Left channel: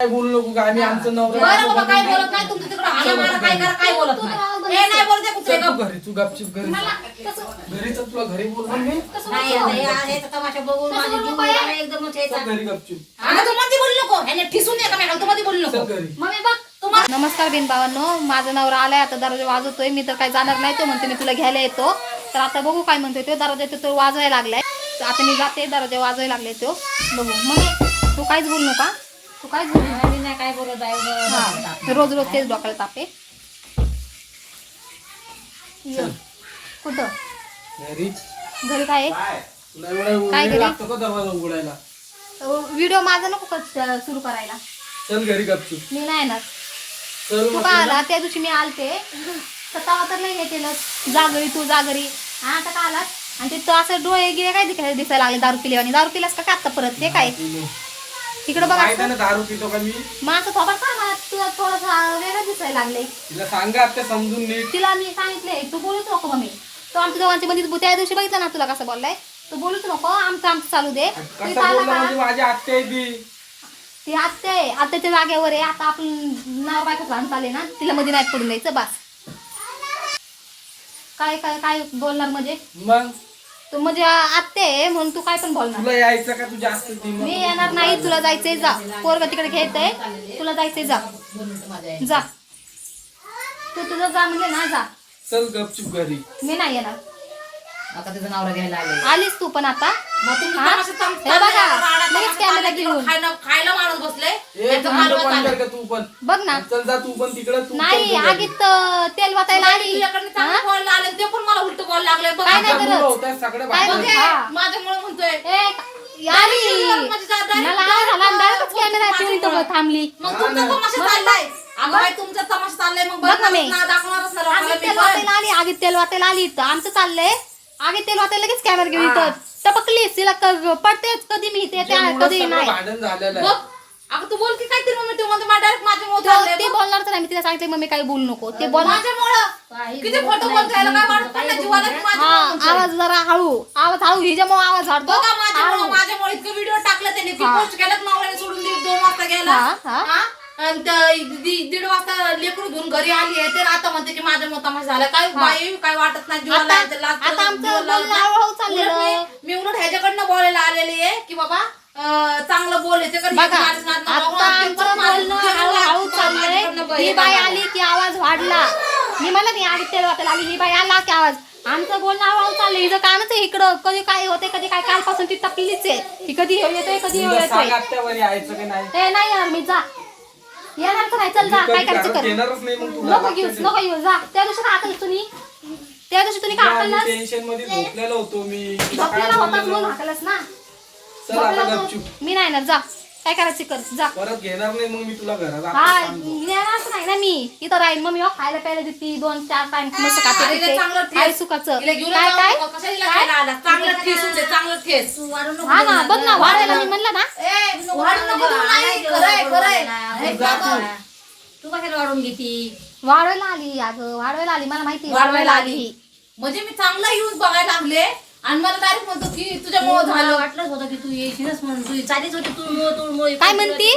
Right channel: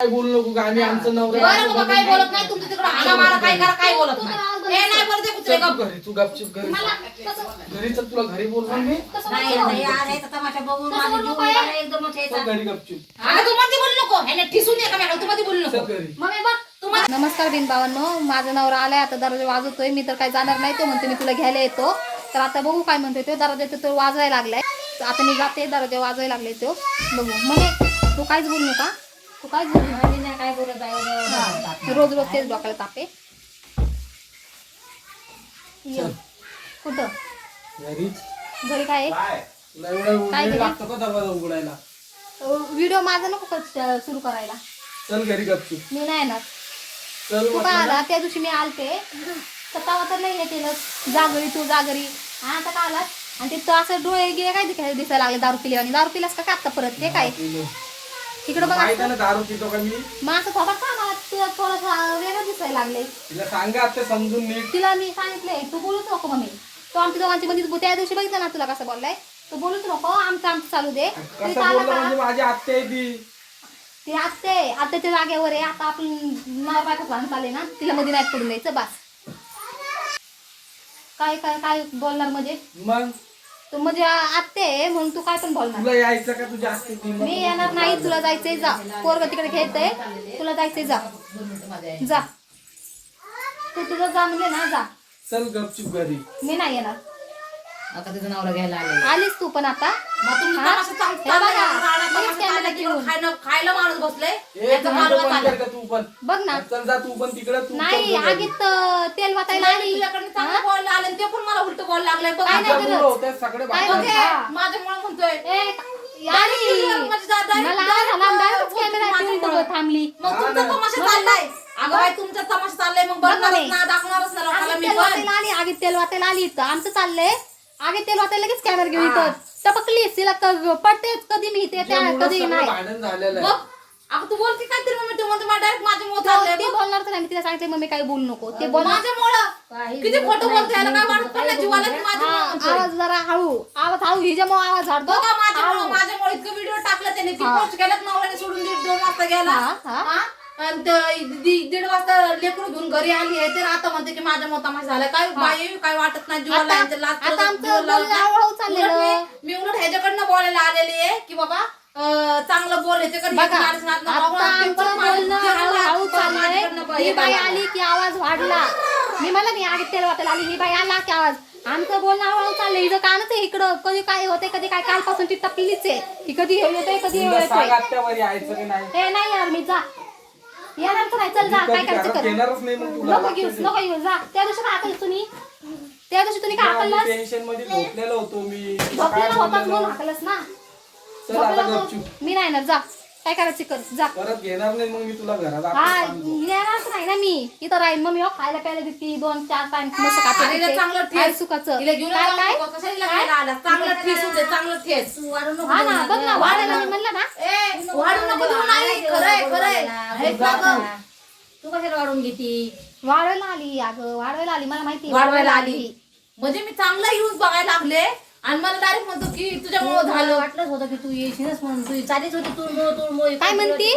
काय बोलू नको का? आम्ही आमचं नवरा बरं बाबा बायको काय बोलत नाही तुमचं? तिकडं हाणा मारा काय करा काय बोलत नाही. हे नाही बोलते कुत्रे चल तू गप. घरी तू गपचिप घरी. मला कसं घरी तर तुला घरी बोलवून मी कसं नाही बोलतो? नाही आल्याचा तमाशा बघून कसं माझी बोलू जीव काय? गेला एकदमच यायचा चल घरी गपचिप. अगं तू मध्ये बोलू नको. ह्याने ठिसून ये का तू मध्ये बोलू चल नको घरी. मम्मी बघ नमस्कार बिन भावांनो माझा नवरा आलाय आता दरवाजा वाजवतोय मी तर काही जाणार नाही तो म्हणतो मी तुला घ्यायला येतो. तर आता बघू काय म्हणतोय तो दरवाजा तो- तो वाजवायला लागलाय. तर आता मी जाते दरवाजा वाजवायला लागले तो. बघू. मग तू काहीच बोलू नका. तू आणि नाही काय बोलत आहे. हा. रोज रोज तेच डोक्याला तापे ये. कुठं? घरी घरी काय काय? उघडायला? व्हिडिओ माझा नको का सुरू करायला? चल घरी मी नाही येणार. चल तू का ना. आला त्या दिवशी मी आलते. स्वतः तर नाही हे केलं. जा घरी तू जा घरी हा आता का आलास? आणि ते तो असं डोळे गिळे काय दिसायला लागले दारू पिले आणि दारू पिलास का काय आता परत? ते काय? इकडं बघा ना दारू पितो का मी? असं थोडं का मला तुला थोडंसं वेगळं दिसायला लागले तिला सांगा आता समजून नीट. तिला मी सांगितले तू बोलूच नको मम्मी. तो आमच्या दोघांची मध्ये त्या दिवशी बघितलं ना तुला कसं बोललाय? तू बोलूच नको आमचं आमचं चालू दे. तू कसं इथं आला बोललं का? म्हणजे माझी आत्या आहे ती. ती आत्या आहे. आत्याच्या जागेवर आहे. आता आपण नाव बायको लहान चालले ना तिला मध्ये नाही पडून द्यायचं बस. काय काय काय बोलणार म्हणजे? मग? तू म्हणजे आत्ते आहे म्हणून तू काय पण बोलणार. तुला यायचं का तू? जास्त मी येणार नाही तुला जायचंय जा. पोरग तिकडे खेळतय तुला जायचंय जा. जा. तू तुझं जा म्हणजे ना जा. चल गपचिप घरी. मी नाही येणार. आता तिचं नवरा घ्यायला आले आलीस तू पण आता. मग तुम्ही हा? तमाशा चाल- हे चाललाय बघा, का? राडा लगेच तमाशा कॅमेरा चाललाय, घेऊन. तिकडं खायला खायला माणूस बसले ए याचं थंड मालवत बंद आलं. कर का तू पण बघ ना चल जा तू पण तिकडे तू नाही जा. आगीत अं, तेल वाटायला नाही, आली तुझ्याकडनं चांगलं बोलायला आलं आणि ते पण मला उलट बोलायला लागले बघ काय आता नाही मुलं करत. होतात सगळे काय बाहेर. नाही. माझ्यामुळे म्हणतोय ए, Direct आली. जा- direct- मला आवाज आला direct डायरेक्ट बोलते कॅमेरा माझ्यामुळं. ठेवून थांबली मग हा तुमचा ना. तमाशा मग चाललाय. अगं बाई तुमचा तमाशा चाललाय मग बघ ना मी. बघणारच ना दाखवणारच ना लोकांना आगीत मी तेल पण. वाटायला आली आगीत तेल वाटायला आली इथं आमचं चाललंय आगीत तेल वाटायला लगेच कॅमेरा घेऊन इथं टपकलीस तिला पडतेच कधी मी ते कधी नाही. भांडण झालेलं आहे. मग अगं तू बोल की काहीतरी मग ते म्हणतो डायरेक्ट माझ्यामुळे तो-. बोलणार तर नाही. मी तिला सांगितले मम्मी काही बोलू नको. ते माझ्यामुळं काही किती बोलत खोटं नाही, बोलतो याला काय तुम्ही वाटत? पण काही नाही जीवाला की बोलत हा माझ्यामुळं म्हणतोय. आवाज जरा हळू आवाज हळू हिच्यामुळे आवाज बघा माझ्यामुळं इतकं व्हिडिओ टाकलं त्याने ती हा. पोस्ट केल्यात नवऱ्याने सोडून दोन वाजता गेला हा? आणि ते दि- दीड वाजता लेकरू घेऊन घरी आली आहे तर आता म्हणते की माझ्या मोतामा झालं. काय बाई काय वाटत नाही जीवाला आता- आमचं बोलणं हळूहळू. उलट मी मी उलट ह्याच्याकडनं बोलायला आलेली आहे की बाबा अं, चांगलं बोलायचं बघा. आता ते आमचं बोलणं ते हळूहळू चाललंय. ही बाई. आली की आवाज वाढला. मी म्हणलं नाही आगी तेल वाटायला आली ही बाई आला की आवाज. आमचं बोलणं हळूहळू चाललंय. हिचं कानच आहे इकडं. कधी काय होते कधी काय कालपासून ती टपलीच आहे. ही कधी येतोय कधी येतोय. की नाही. यार मी जा. येणार तर नाही चल मी जा काय करायचं कर? येणारच नाही मग तुला. नको घेऊस नको येऊ जा. त्या दिवशी हाकल तुम्ही? त्या दिवशी तुम्ही काय हाकललास टेन्शनमध्ये झोपलेलो होतो मी. झोपलेला होताच? म्हणून हाकलस ना? चल आता झोपलेला गपचूप होतो. मी नाही ना जा काय करायचं कर जा परत घेणार नाही मग मी तुला घरात हा. येणारच नाही ना मी इथं राहीन मग मी हो खायला प्यायला देते दोन चार टाइम मस्त अरे चांगलं देते. काय. सुखाचं घेऊन काय जाऊ काय नको. कशाला हिला घ्यायला आला? चांगलं ठेस होते, चांगलं ठेस. हा ना बघ ना. वाढायला मी म्हणलं ना ए, वाढू नको नाही. खरंय, खरंय. तू कशाला वाढून घेती वाढवायला आली अगं वाढवायला आली मला माहिती वाढवायला आली म्हणजे मी चांगला यूज बघायला लागले आणि मला डायरेक्ट म्हणतो की तुझ्यामुळे मला झालं. वाटलंच होतं की तू येशीलच म्हणून. तू चालीच होती तू मो तू मो काय म्हणती?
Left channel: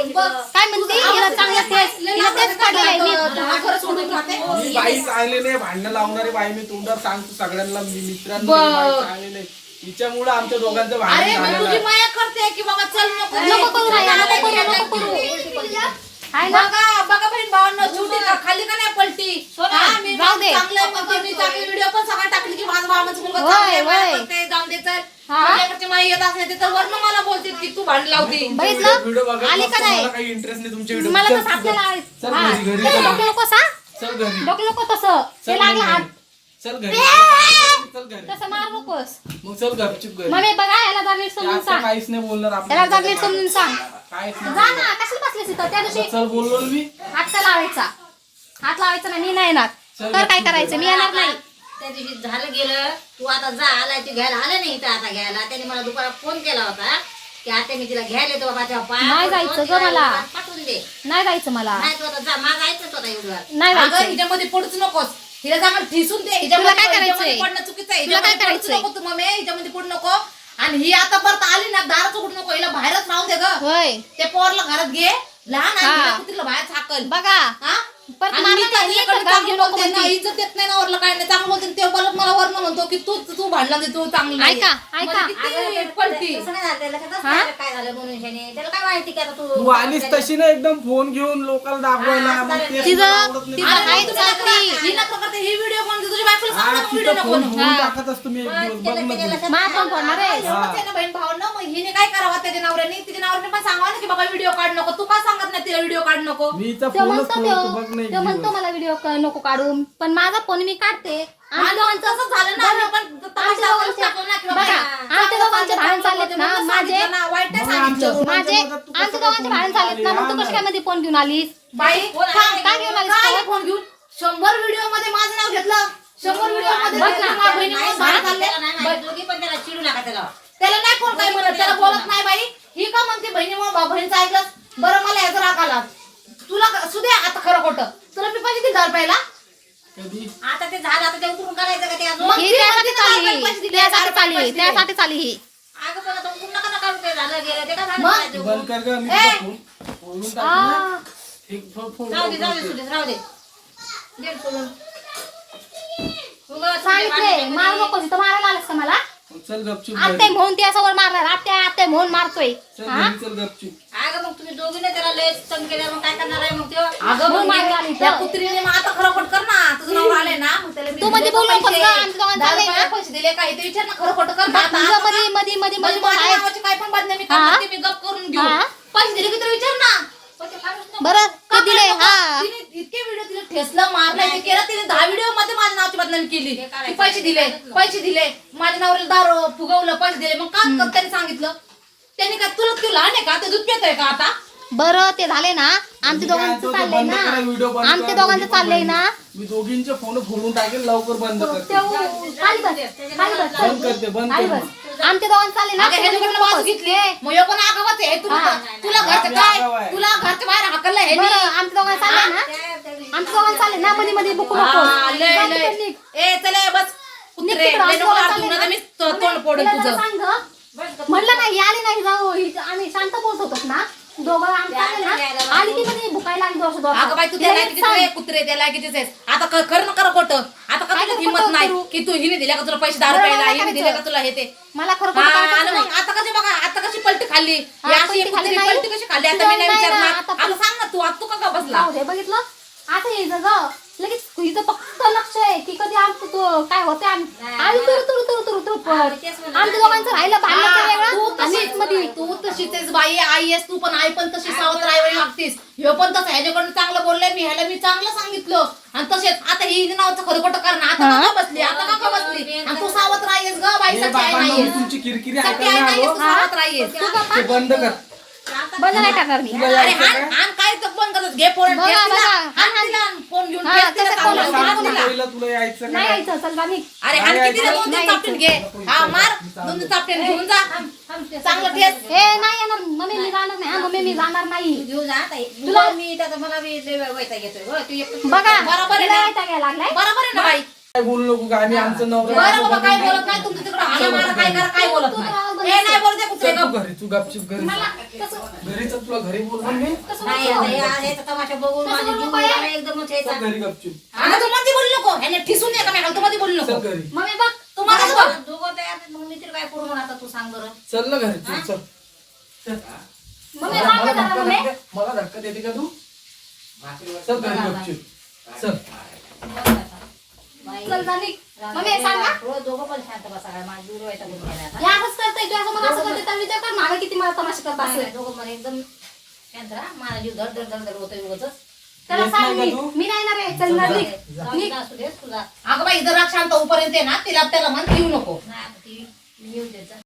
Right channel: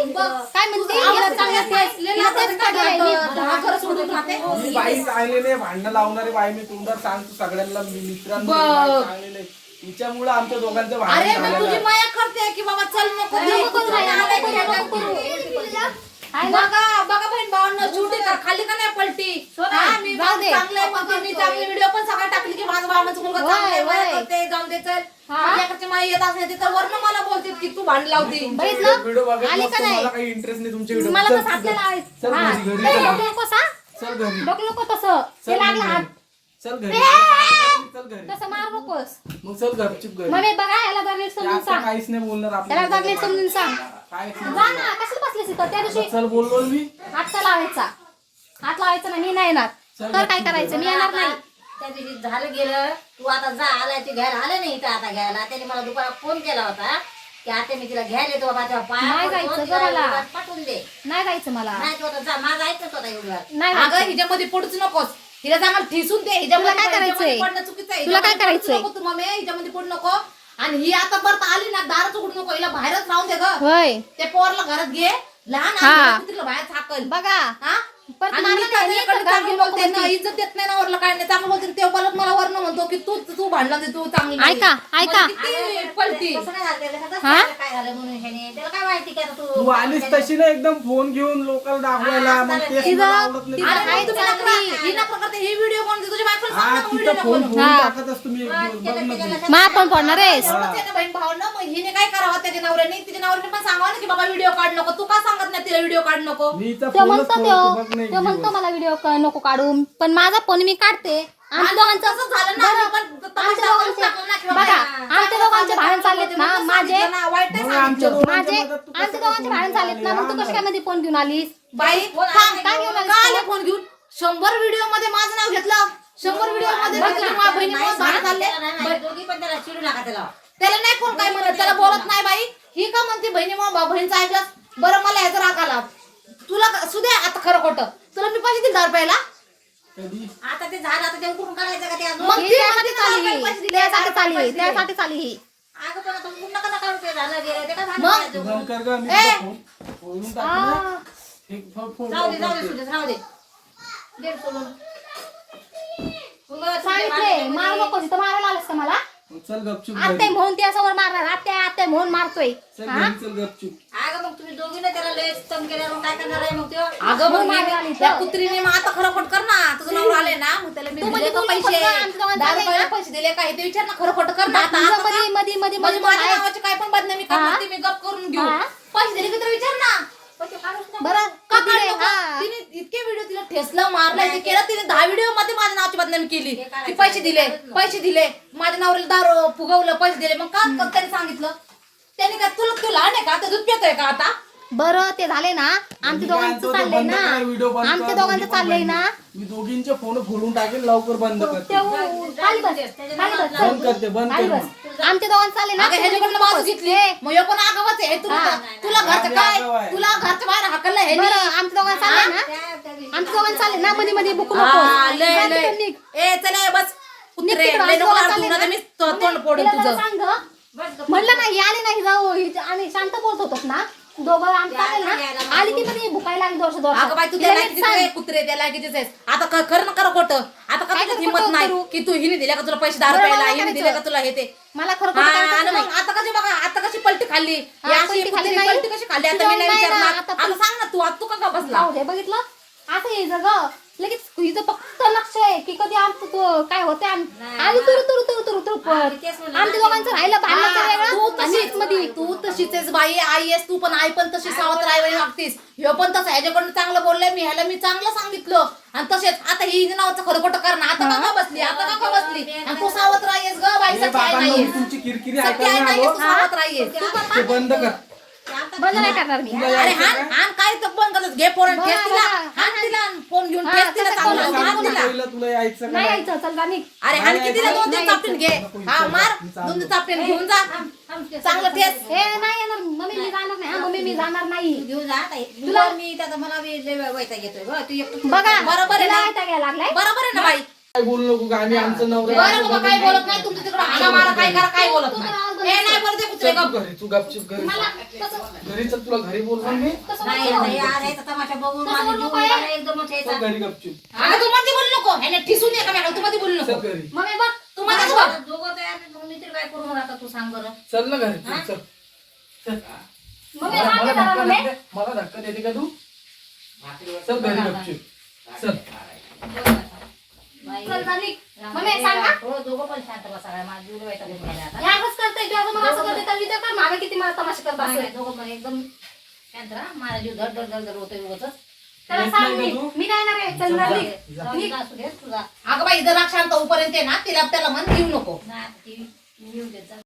काय म्हणती? हिला चांगलं तेच हिला तेच पडलेलं आहे मी हा, खरं सोडून राहते. मी बाई चांगली नाही भांडणं लावणारी बाई मी तोंडावर सांगतो सगळ्यांना मी मित्रांना मी बाई चांगली नाही. तिच्यामुळे आमच्या दोघांचं अरे भांडण मी झालेलं तुझी आहे. माया करते की बाबा चल नको नको करू नको नाही करू. नको करू. आहे ना? बघा बघा बहीण भावांना छुटी का खाली का नाही पलटी? हा, मी जाऊ दे. चांगलं आहे म्हणतो मी चांगले व्हिडिओ पण सगळा टाकली की माझा मामाचा मुलगा होय, चांगला आहे, माया होय. करते जाऊन दे चल. हा. माझ्याकडची माई येत असते तर वर्ण मला बोलते की तू भांड लावती. व्हिडिओ बघत आली नसतो, का नाही? मला काही इंटरेस्ट नाही तुमच्या व्हिडिओ मला चल तसं आपल्याला. आहे. चल हा, घरी, घरी तसं चल. डोकं नको सा चल घरी. डोकं नको तसं. चल ते लागलं घरी. हात. चल घरी. चल घरी. तसं मार नकोस. मग चल गपचिप घरी. मम्मी बघा याला जरा नीट समजून आता सांग. काहीच नाही बोलणार त्याला जरा नीट आपल्याला समजून सांग. जा ना कशाला बसलीस इथं? त्या दिवशी चल बोललो ना मी. हात का लावायचा. हात लावायचा नाही मी नाही येणार. चल तर काय करायचं? मी येणार नाही. त्या दिवशी झालं गेलं. तू आता जा आलायची घ्यायला. आलं नाही इथं आता घ्यायला. त्याने मला दुपारात फोन केला होता की आता मी तिला घ्यायला येतो बाबा तेव्हा नाही पाया जायचं पडतो, गं तिला मला. दुपारात पाठवून दे. नाही जायचं मला. नाही तू आता जा. माझा ऐकत होता एवढं. नाही अगं जायचं हिच्यामध्ये पडूच नकोस. हिला चांगलं ठिसून दे. तुला काय हिच्यामध्ये करायचंय? पडणं चुकीचं आहे. तुला काय हिच्यामध्ये पडूच करायचंय? नको तू मम्मी. हिच्यामध्ये पडू नको. आणि ही आता परत आली ना दारात उघडू नको हिला बाहेरच राहून दे ग. होय. ते पोरला घरात घे. लहान हा. आहे कुत्रीला बाहेर झाकल बघा. हा? परत आणि मारलं नाही, त्याच्याकडे तर घरात चांगलं घेऊन नको बोलते ना, म्हणते. इज्जत देत नाही ना वरला काय नाही चांगलं बोलते ते परत मला वर्ण म्हणतो की तू तू भांडला नाही, तू चांगली नाही. ऐका, ऐका. किती पलटी तसं नाही झालं, त्याला कसं? काय झालं म्हणून त्याने. त्याला काय माहिती की आता तू तू आलीस तशी ना एकदम फोन घेऊन लोकांना दाखवायला हा, मग ते तिचं- मला आवडत नाही. तिचं आणि आहेच तुम्ही नका- चाकरी. ही ही व्हिडिओ बनवते तुझी बायकोला हा, ना, व्हिडिओ तिचा नको फोन बनवू. फोन हा. टाकत असतो मी एक दिवस बघ ना तू. मा पण पडणार आहेस एवढंच आहे ना बहीण भावांनो मग हिने काय करावं त्याच्या नवऱ्याने तिच्या नवऱ्याने पण सांगावं ना की बाबा व्हिडिओ काढ नको तू का सांगत नाही तिला व्हिडिओ काढ नको मी हिचा ते फोनच म्हणतो फोडतो बघ ना ते म्हणतो. मला व्हिडिओ नको काढू पण माझा फोन मी काढते दोघांचं- झालं ना आम्ही पण तमाशा आमच्या दाखवूनच दोघांच्या- टाकलं ना की बाबा, बघा, आमच्या दोघांचे भांडण चाललेत ना, म्हणून माझे- ना, सांगितलं. माझे तू आमच्या कसं दोघांचे फोन भांडण झालेत ना मग तू आली? कशा काय मध्ये फोन घेऊन आलीस बाई काय- काय घेऊन आलीस काय? फोन घेऊन शंभर व्हिडिओमध्ये माझं नाव घेतलं शंभर व्हिडिओमध्ये बघ घेतलं, ना. माझ्या बहिणीमुळे नाही, भांडण चालले त्याला नाही माहिती. दोघी पण त्याला चिडू नका त्याला त्याला नाही कोण काय म्हणत त्याला बोलत नाही बाई ही का म्हणते बहिणीमुळे बहिणीचं ऐकलं बरं मला ह्याचा राग आला तुला सुद्या आता खरं खोटं तुला मी पैसे दिले पहिला कधी आता ते झालं आता ते उतरून काढायचं का ते अजून मग ही त्यासाठी चालली ही त्यासाठी मला चालली ही दिले. त्यासाठी चालली ही अगं पण आता उतरून नका नका ते झालं गेलं ते काय झालं मग? करायचं? तू बंद कर ग मी ए! तुझा फोन फोडून टाकू ना. एक फोन फोन राहू दे जाऊ दे करते. सुरेश राहू दे दे सोडून तू बघ, सांगितले मार नको तिथं मारायला आलास का मला चल गपचूप आत्ते घरी. म्हणून त्याच्यावर मारणार आत्या आत्ते म्हणून मारतोय चल हा घरी चल गपचूप अगं मग तुम्ही दोघीने त्याला लय तंग केलं मग काय करणार आहे मग त्यो अगं मग मग मागे आली त्या तर. कुत्रीने मग आता खरं खोट कर ना तुझं नवरा आलंय ना मग त्याला मी तू दिले मध्ये का बोलू नकोस पैसे? का? दहा रुपयाला दिले का ते विचार ना खरं खोटं कर ना आता तुझं मध्ये मध्ये मध्ये मध्ये माझ्या आहेच नावाची काय पण बदनामी हा? करणार ती मी गप करून घेऊ हा? पैसे दिले की तर विचार ना. बरं का दिले हा? तिने इतके व्हिडिओ तिला ठेसलं मारलं ते केलं तिने दहा व्हिडिओमध्ये माझ्या नावाची बदनामी केली. की पैसे दिले पैसे दिले माझ्या नवऱ्याला दारू फुगवलं पैसे दिले मग का का त्यांनी सांगितलं त्यांनी काय तुला तू लहान आहे का आता दूध पितोय का आता बरं ते झाले ना. आमच्या दोघांचं चाललंय ना. आमच्या दोघांचं चाललंय. ना. मी दोघींचे फोन फोडून टाकेल लवकर बंद करते. खाली बस खाली बस चल. बंद करते बंद खाली कर बस. आमच्या दोघांचं चाललंय ना. घेतली. मग पण आगावाच आहे? तुला हा. तुला घरचं काय? आहे. तुला घरच्या बाहेर हाकललं हे बरं आमच्या दोघांचं चाललंय ना. आमच्या दोघांचं चाललंय ना. मध्ये मध्ये बुकू नको. ए चले बस. तोंड फोडेल तिला तुझं. म्हणलं नाही आली नाही. जाऊ. आम्ही शांत बोलत होतो ना. दोघं आमचं चाललंय ना? आली ती मध्ये भुकायला लागली दोष अगं बाई तू. आहे, कुत्रे कितीच आहेस आता क- कर ना कर खोटं. आता का काय तुला करू, हिंमत खोटं नाही करू? की तू हिने दिल्या का तुला पैसे हिने करायचं. का तुला हे ते? मला खरं खोटं करायचं आणि नाही मग आता कशी बघा आता कशी पलटी खाल्ली? हा, अशी पलटी खाल्ली कुत्रीने नाही. पलटी कशी खाल्ली? आता तुझ्या मी नाही नाही ना, विचारणार. आता आता सांग ना तू आता तू का बसला जाऊ दे बघितलं? असं यायचं ग लगेच हिचं फक्त लक्ष आहे की कधी आमचं तो काय होते आम्ही. तुरु तुरु तुरु तुरु तुरु पण. आमच्या दोघांचं राहिलं भांडणाचं हा, तू वेगळं. आणि तशीच मध्ये तू तशीच आहेस बाई आई आहेस तू पण आई पण तशी सावत्र आई लागतीस. ह्यो पण तसं ह्याच्याकडून चांगलं बोललंय मी ह्याला मी चांगलं सांगितलं. आणि तसेच आता ही नावाचं खरं खोटं करणार. आता का बसली आता का बसली. आणि तू सावत्र आहेस ग बाई सख्खी आई नाही. तुमची किरकिरी ऐकायला सावत्र आहेस. ते बंद कर. बंद नाही करणार मी. अरे हाण हाण काय तर फोन करत घे फोन बघा, ठेस तिला. बघा. हाण तिला फोन घेऊन हा, ठेस तिला. त्याचा चांगलं, फोन सांग चांगलं तू तिला. पहिलं तुला यायचं का नाही? यायचं चल अरे हाण. दोन चापटीन घे. हा. मार. दोन चापटीन घेऊन जा. चांगलं ठेस हे नाही येणार. मम्मी मी जाणार नाही. हा मम्मी मी जाणार नाही. घेऊन जा आता. तुला मी त्याचा मला बी लय वैताग येतोय बरं तू एकटं बघा बरोबर आहे तिला ना? वैताग यायला लागलाय? बरोबर आहे ना बाई? काय बोलू नको का आम्ही आमचं नवरा बरं बाबा काय बोलत नाही. तुमचं तिकडं काय करा काय बोलत नाही? नाही बोलते कुत्रे चल तू गप घरी. तू गपचिप घरी घरी चल तुला घरी बोलवून मी नाही आता या याचा तमाशा बघून माझी जीव गेला एकदमच चल यायचा घरी गपचिप अगं तू मध्ये बोलू नको. ह्याने ठिसून ये का मी तू मध्ये बोलू नको. चल घरी. मम्मी बघ तू मध्ये बोल दोघं तयार आहेत, मग मी तरी काय करू म्हणून आता तू सांग बरं. चल ना घरी चल चल. चल. मम्मी मला सांग मला जरा धक्का मम्मी. देते मला धक्का देते का तू? चल घरी गपचिप चल. बाई, चल जाणी राम मम्मी. सांग दोघं पण शांत बसा काय? माझा जीव वैताग येऊन गेला आता. या असंच करताय तू असं मला असं करते मला किती मला तमाशा करत असेल दोघं पण एकदम शांत राहा माझा जीव धड धड धड धड होतोय उगाचच. त्याला येत सांग नाही मी का तू? मी नाही येणार आहे चल जा. जाऊ दे, असू दे, तुझा अगं बाई जर शांत होऊपर्यंत आहे ना तिला त्याला म्हण घेऊ नको नाही आता ती येऊ देत जा.